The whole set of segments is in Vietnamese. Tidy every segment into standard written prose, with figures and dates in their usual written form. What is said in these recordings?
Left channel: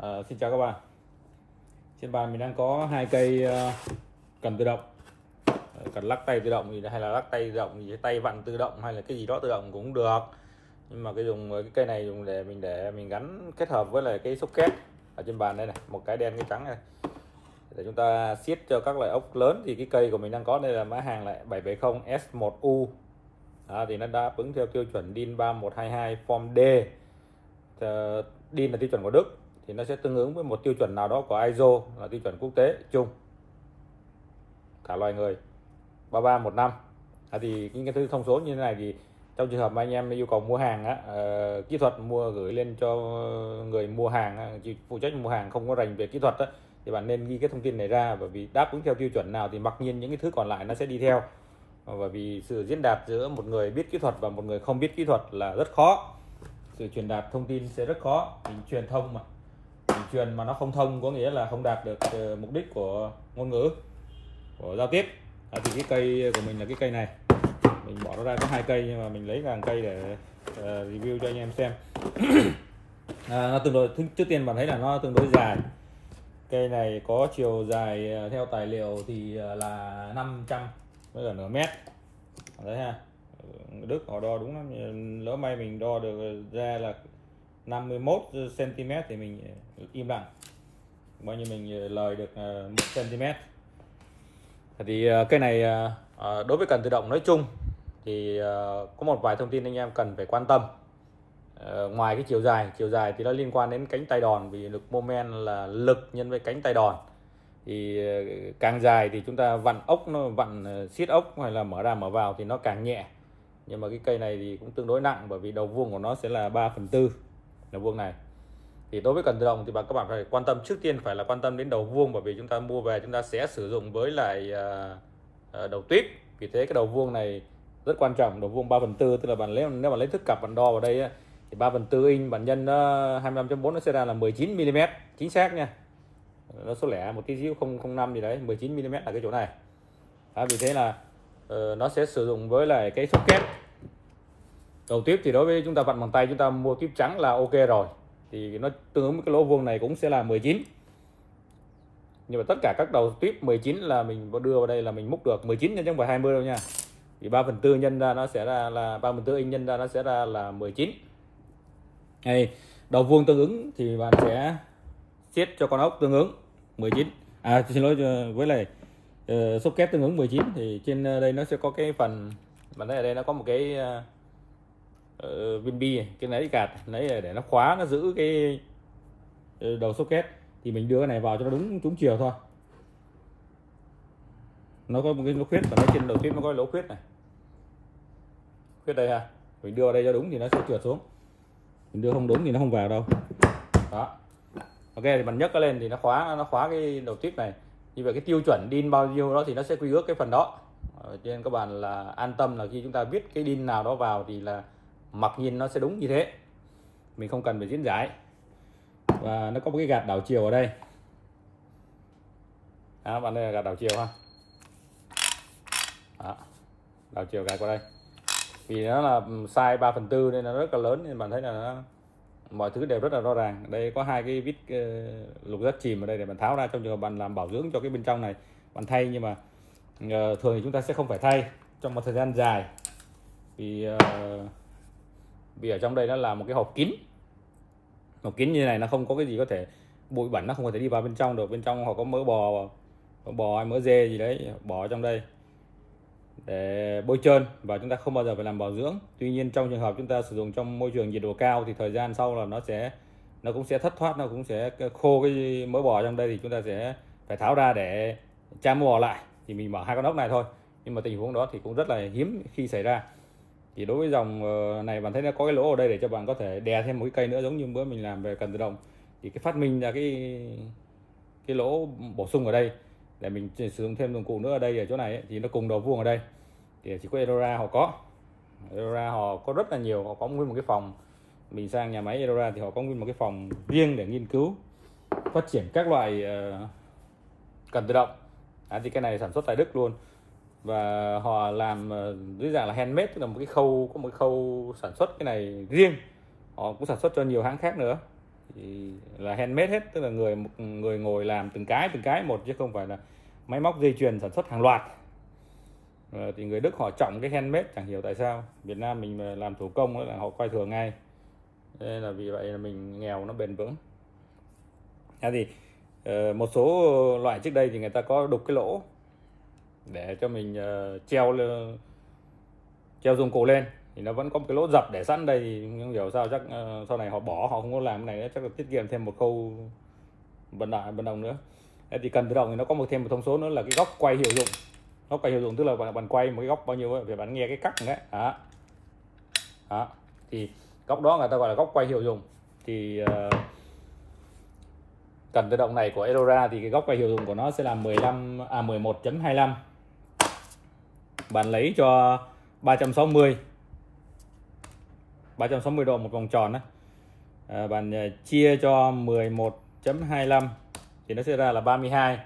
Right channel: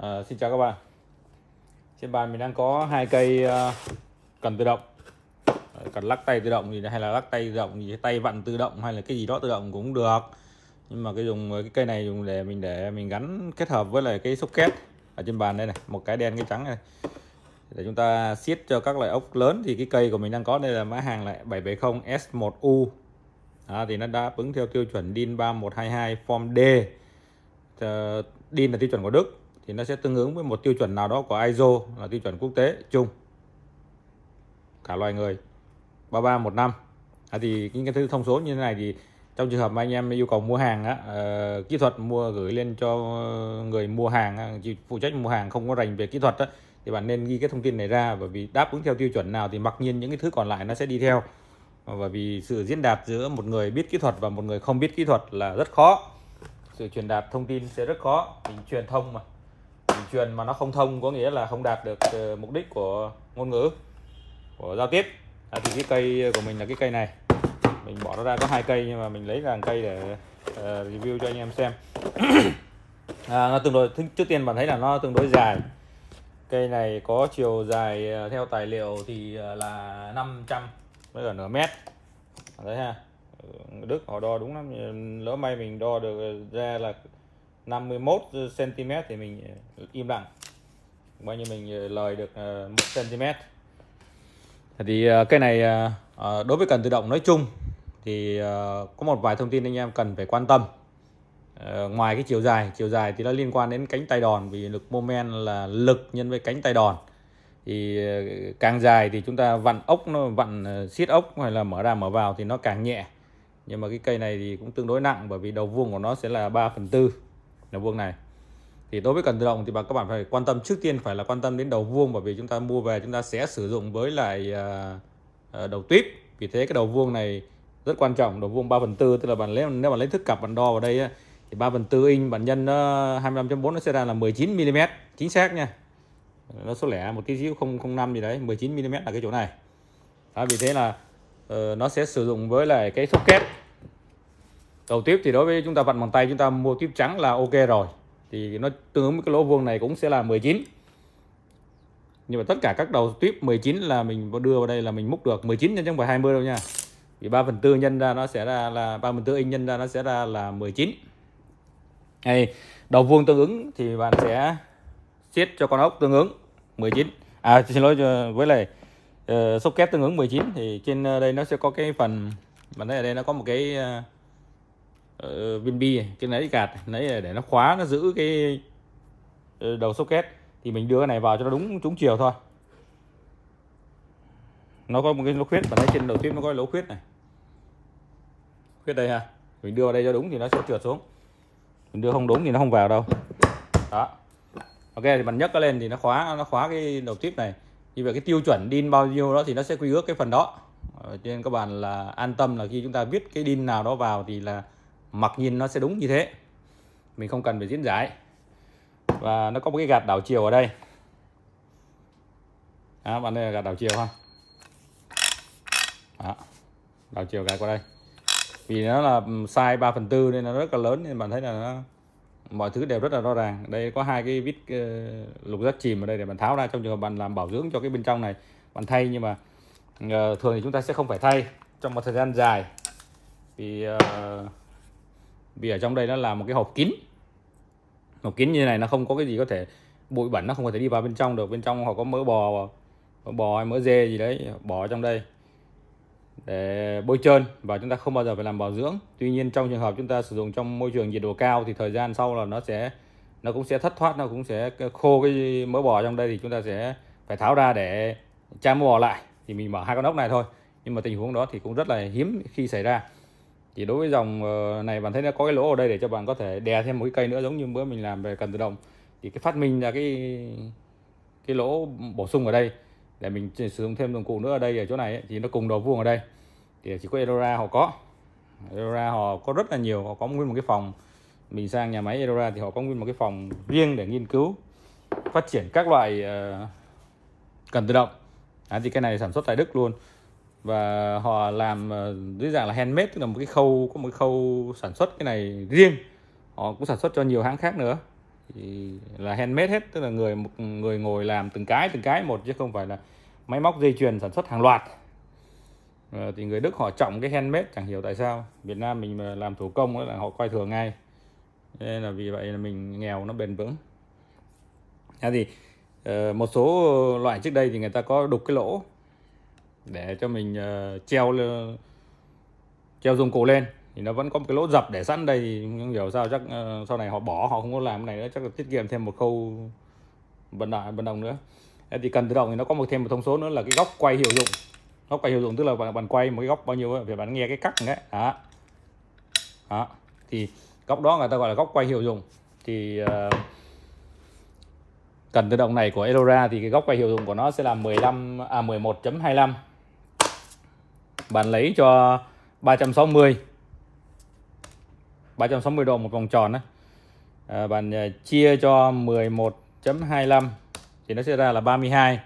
Xin chào các bạn. Trên bàn mình đang có hai cây cần tự động, cần lắc tay tự động gì hay là lắc tay tự động gì, tay vặn tự động hay là cái gì đó tự động cũng được. Nhưng mà cái cây này dùng để mình gắn kết hợp với lại cái socket ở trên bàn đây này, một cái đen cái trắng này, để chúng ta siết cho các loại ốc lớn. Thì cái cây của mình đang có đây là mã hàng lại 770 S1U. Thì nó đáp ứng theo tiêu chuẩn DIN 3122 Form D. DIN là tiêu chuẩn của Đức, thì nó sẽ tương ứng với một tiêu chuẩn nào đó của ISO là tiêu chuẩn quốc tế chung cả loài người 3315. Thì những cái thứ thông số như thế này thì trong trường hợp mà anh em yêu cầu mua hàng kỹ thuật gửi lên cho người mua hàng, phụ trách mua hàng không có rành về kỹ thuật thì bạn nên ghi cái thông tin này ra, bởi vì đáp ứng theo tiêu chuẩn nào thì mặc nhiên những cái thứ còn lại nó sẽ đi theo. Bởi vì sự diễn đạt giữa một người biết kỹ thuật và một người không biết kỹ thuật là rất khó, sự truyền đạt thông tin sẽ rất khó. Mình truyền thông mà mình truyền mà nó không thông có nghĩa là không đạt được mục đích của ngôn ngữ, của giao tiếp. Thì cái cây của mình là cái cây này, mình bỏ nó ra có hai cây nhưng mà mình lấy hàng cây để review cho anh em xem. Nó tương đối, trước tiên bạn thấy là nó tương đối dài. Cây này có chiều dài theo tài liệu thì là 500 với cả nửa mét. Đấy ha, Đức họ đo đúng lắm, lỡ may mình đo được ra là 51 cm thì mình im lặng, bao nhiêu mình lời được 1 cm. Thì cây này đối với cần tự động nói chung thì có một vài thông tin anh em cần phải quan tâm. Ngoài cái chiều dài thì nó liên quan đến cánh tay đòn, vì lực moment là lực nhân với cánh tay đòn. Thì càng dài thì chúng ta vặn ốc, nó vặn siết ốc hay là mở ra mở vào thì nó càng nhẹ. Nhưng mà cái cây này thì cũng tương đối nặng, bởi vì đầu vuông của nó sẽ là 3/4 đầu vuông này. Thì đối với cần tự động thì các bạn phải quan tâm, trước tiên phải là quan tâm đến đầu vuông, bởi vì chúng ta mua về chúng ta sẽ sử dụng với lại đầu tuyếp. Vì thế cái đầu vuông này rất quan trọng, đầu vuông 3/4, tức là nếu bạn lấy thước cặp bạn đo vào đây thì 3/4 inch bạn nhân 25.4 nó sẽ ra là 19 mm, chính xác nha. Nó số lẻ một tí xíu 005 gì đấy, 19 mm là cái chỗ này. Vì thế là nó sẽ sử dụng với lại cái socket. Đầu tiếp thì đối với chúng ta vặn bằng tay, chúng ta mua tiếp trắng là ok rồi, thì nó tương ứng với cái lỗ vuông này cũng sẽ là 19. Nhưng mà tất cả các đầu tiếp 19 là mình đưa vào đây là mình múc được 19 chứ không phải 20 đâu nha. Vì 3/4 nhân ra nó sẽ ra là 3/4 inch nhân ra nó sẽ ra là 19. Đầu vuông tương ứng thì bạn sẽ siết cho con ốc tương ứng 19. Xin lỗi, với lại socket tương ứng 19. Thì trên đây nó sẽ có cái phần, mà ở đây nó có một cái viên bi, cái nấy gạt nấy để nó khóa, nó giữ cái đầu socket. Thì mình đưa cái này vào cho nó đúng trúng chiều thôi. Nó có một cái lỗ khuyết, và trên đầu tiếp nó có lỗ khuyết này, khuyết đây ha. Mình đưa vào đây cho đúng thì nó sẽ trượt xuống, mình đưa không đúng thì nó không vào đâu. Đó, ok, thì bạn nhấc nó lên thì nó khóa cái đầu tiếp này. Như vậy cái tiêu chuẩn DIN bao nhiêu đó thì nó sẽ quy ước cái phần đó. Cho nên các bạn là an tâm là khi chúng ta viết cái DIN nào đó vào thì là mặc nhiên nó sẽ đúng như thế, mình không cần phải diễn giải. Và nó có một cái gạt đảo chiều ở đây. Bạn đây là gạt đảo chiều ha. Đảo chiều gạt qua đây. Vì nó là size 3/4 nên nó rất là lớn, nên bạn thấy là mọi thứ đều rất là rõ ràng. Đây có hai cái vít lục giác chìm ở đây để bạn tháo ra trong trường hợp bạn làm bảo dưỡng cho cái bên trong này, bạn thay. Nhưng mà thường thì chúng ta sẽ không phải thay trong một thời gian dài, vì ở trong đây nó là một cái hộp kín. Hộp kín như này nó không có cái gì có thể, bụi bẩn nó không có thể đi vào bên trong được. Bên trong họ có mỡ bò hay mỡ dê gì đấy bỏ trong đây để bôi trơn, và chúng ta không bao giờ phải làm bảo dưỡng. Tuy nhiên trong trường hợp chúng ta sử dụng trong môi trường nhiệt độ cao thì thời gian sau là nó cũng sẽ thất thoát, nó cũng sẽ khô cái mỡ bò trong đây, thì chúng ta sẽ phải tháo ra để trang mỡ bò lại. Thì mình mở hai con ốc này thôi, nhưng mà tình huống đó thì cũng rất là hiếm khi xảy ra. Thì đối với dòng này bạn thấy nó có cái lỗ ở đây để cho bạn có thể đè thêm một cái cây nữa, giống như bữa mình làm về cần tự động. Thì cái phát minh ra cái lỗ bổ sung ở đây để mình sử dụng thêm dụng cụ nữa ở đây, ở chỗ này ấy, thì nó cùng đầu vuông ở đây. Thì chỉ có Edora họ có rất là nhiều, họ có nguyên một cái phòng. Mình sang nhà máy Edora thì họ có nguyên một cái phòng riêng để nghiên cứu phát triển các loại cần tự động. Thì cái này sản xuất tại Đức luôn, và họ làm dưới dạng là handmade, tức là có một khâu sản xuất cái này riêng. Họ cũng sản xuất cho nhiều hãng khác nữa. thì là handmade hết, tức là một người ngồi làm từng cái một chứ không phải là máy móc dây chuyền sản xuất hàng loạt. Thì người Đức họ trọng cái handmade, chẳng hiểu tại sao. Việt Nam mình mà làm thủ công là họ coi thường ngay, nên là vì vậy là mình nghèo nó bền vững. Thì một số loại trước đây thì người ta có đục cái lỗ để cho mình treo dụng cụ lên, thì nó vẫn có một cái lỗ dập để sẵn đây, thì không hiểu sao, chắc sau này họ bỏ, họ không có làm cái này nữa, chắc là tiết kiệm thêm một khâu vận động nữa. Thì cần tự động thì nó có thêm một thông số nữa là cái góc quay hiệu dụng. Góc quay hiệu dụng tức là bạn quay một cái góc bao nhiêu thì bạn nghe cái cắt đấy. Đó. Thì góc đó người ta gọi là góc quay hiệu dụng. Thì cần tự động này của Elora thì cái góc quay hiệu dụng của nó sẽ là 11.25. Bạn lấy cho 360 độ một vòng tròn đấy. Bạn chia cho 11.25 thì nó sẽ ra là 32.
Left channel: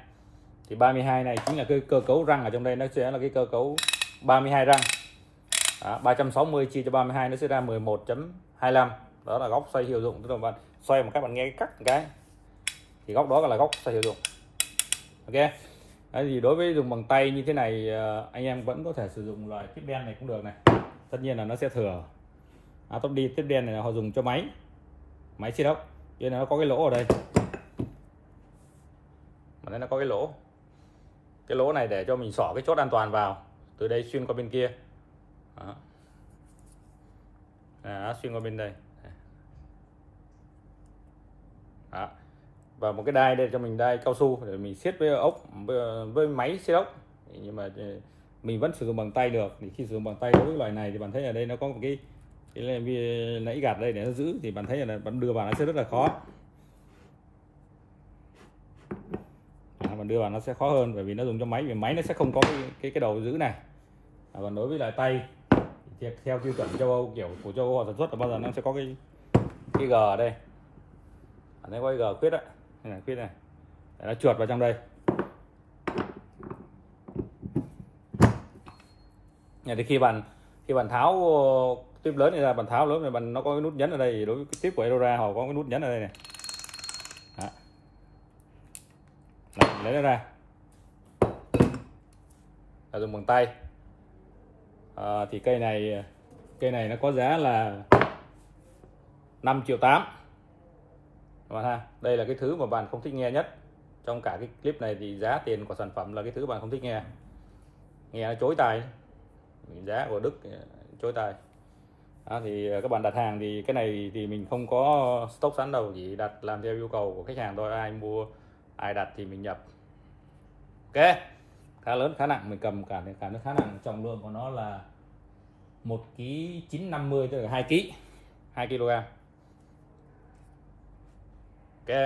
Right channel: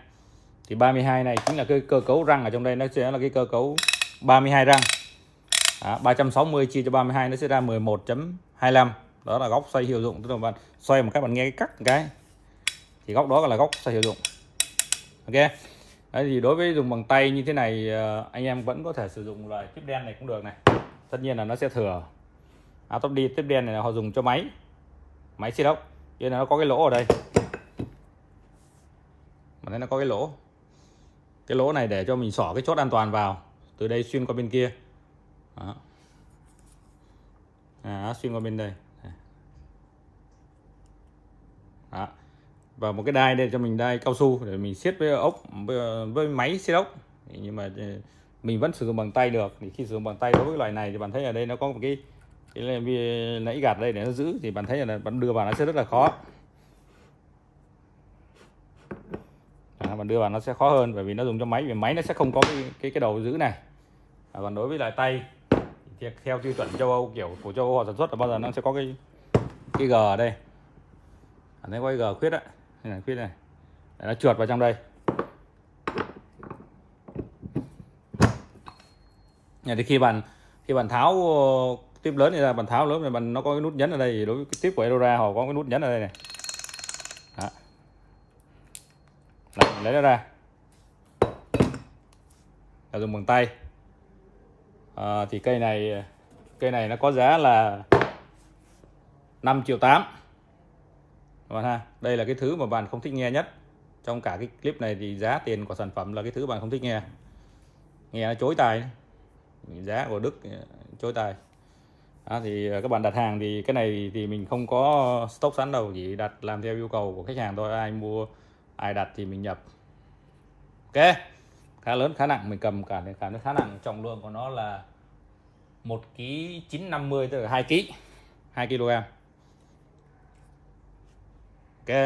Thì 32 này chính là cái cơ cấu răng ở trong đây, nó sẽ là cái cơ cấu 32 răng. 360 chia cho 32 nó sẽ ra 11.25. Đó là góc xoay hiệu dụng, tức là bạn xoay một cái, bạn nghe cái cắt một cái thì góc đó là góc xoay hiệu dụng. Ok. Đấy, thì đối với dùng bằng tay như thế này, anh em vẫn có thể sử dụng loại tiếp đen này cũng được này. Tất nhiên là nó sẽ thừa. Top đi tiếp đen này là họ dùng cho máy xi đốc, cho nên nó có cái lỗ ở đây. Mà thấy nó có cái lỗ này để cho mình xỏ cái chốt an toàn vào, từ đây xuyên qua bên kia. Đó. Xuyên qua bên đây. Đó. Và một cái đai đây cho mình, đai cao su để mình siết với ốc, với máy siết ốc. Nhưng mà mình vẫn sử dụng bằng tay được. Thì khi sử dụng bằng tay đối với loại này thì bạn thấy ở đây nó có một cái nãy gạt đây để nó giữ, thì bạn thấy là bạn đưa vào nó sẽ rất là khó. Bạn đưa vào nó sẽ khó hơn, bởi vì nó dùng cho máy, vì máy nó sẽ không có cái đầu giữ này. Còn đối với lại tay thì theo tiêu chuẩn châu Âu, kiểu của châu Âu họ sản xuất là bao giờ nó sẽ có cái G ở đây. Thấy có cái G khuyết đấy, khuyết này để nó trượt vào trong đây. Thì khi bạn tháo tiếp lớn này ra, bạn tháo lớn này, nó có cái nút nhấn ở đây. Đối với cái tiếp của Elora họ có cái nút nhấn ở đây này. Đó. Đấy, lấy nó ra là dùng bằng tay. Thì cây này nó có giá là 5,8 triệu. Đây là cái thứ mà bạn không thích nghe nhất trong cả cái clip này, thì giá tiền của sản phẩm là cái thứ bạn không thích nghe nó chối tai, giá của Đức chối tai. Thì các bạn đặt hàng thì cái này thì mình không có stock sẵn đâu, chỉ đặt làm theo yêu cầu của khách hàng thôi, ai mua ai đặt thì mình nhập. Ok, khá lớn, khá nặng, mình cầm cả nó khá nặng, trọng lượng của nó là 1,950 kg, tức là 2 kg. Ok.